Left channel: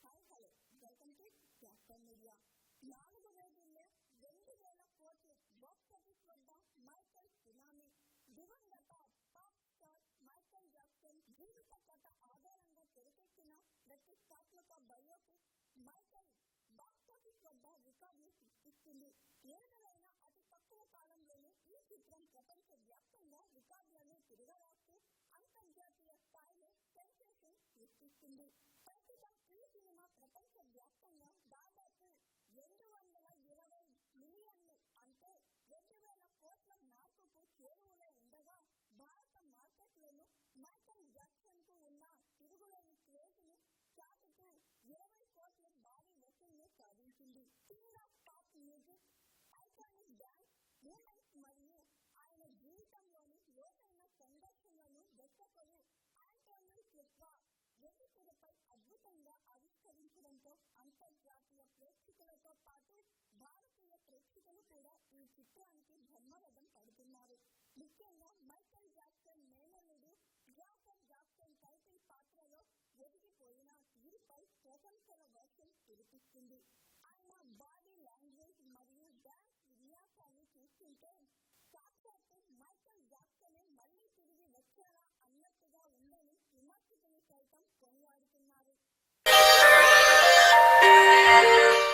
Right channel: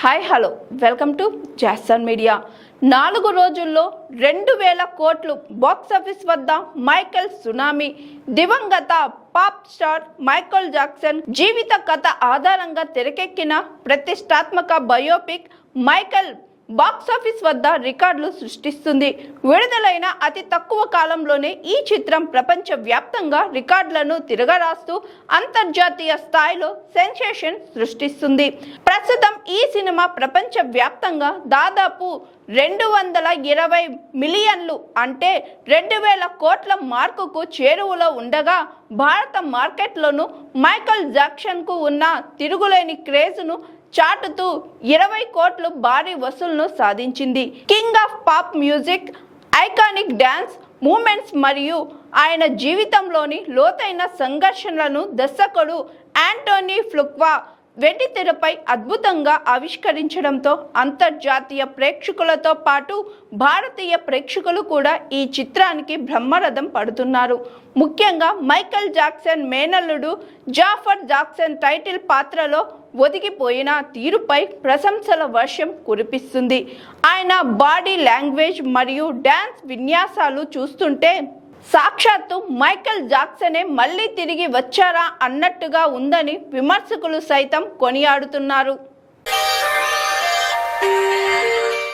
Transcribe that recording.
Hi hello welcome to Jason media. 4 రోజుల్లో 2000 కోట్లు box office వద్ద మైకేల్ సునామీ. దివంగత పాప్ స్టార్ మైకేల్ జాక్సన్ జీవిత కథ ఆధారంగా తెరకెక్కిన ప్రతిష్టాత్మక బయోపిక్ మైకేల్ బాక్సాఫీస్ వద్ద రికార్డులు సృష్టిస్తుంది. విడుదలైన అతి తక్కువ కాలంలోనే ఈ చిత్రం ప్రపంచ వ్యాప్తంగా రికార్డులను తిరగరాస్తూ అంతర్జాతీయ స్థాయిలో సెన్సేషన్ సృష్టిస్తుంది. ప్రస్తుతం ఈ సినిమా ప్రపంచ వ్యాప్తంగా దాదాపు 220 మిలియన్లు అంటే 2000 కోట్ల మార్కుకు చేరువలో ఉండగా భారత మార్కెట్లోనూ మైకేల్ జాక్సన్కు ఉన్న తిరుగులేని క్రేజ్ను చాటుతూ 20 కోట్లు భారీ వసూలును సాధించింది. King of pop music, iconic dance moments మరియు ఆయన జీవితంలోని లోతైన సంఘర్షణలను దర్శకుడు యాంటోనీ ఫ్లుక్వా వెండితెరపై అద్భుతంగా ఆవిష్కరించడంతో అంతర్జాతీయ ప్రేక్షకులతో పాటు భారతీయ ప్రేక్షకులు కూడా ఈ చిత్రానికి బ్రహ్మరథం పడుతున్నారు. ముఖ్యంగా మైకేల్ జాక్సన్ మేనల్లుడు జాఫర్ జాక్సన్ టైటిల్ పాత్రలో ఒదిగిపోయిన తీరుపై ప్రశంసల వర్షం కురిపిస్తుంది. ఆయన బాడీ లాంగ్వేజ్ మరియు డ్యాన్స్ విన్యాసాలు చూస్తుంటే సాక్షాత్తు మైకేల్ జాక్సనే మళ్ళీ తిరిగి వచ్చారా అన్నట్టుగా ఉందని విమర్శకులు సైతం కొనియాడుతున్నారు.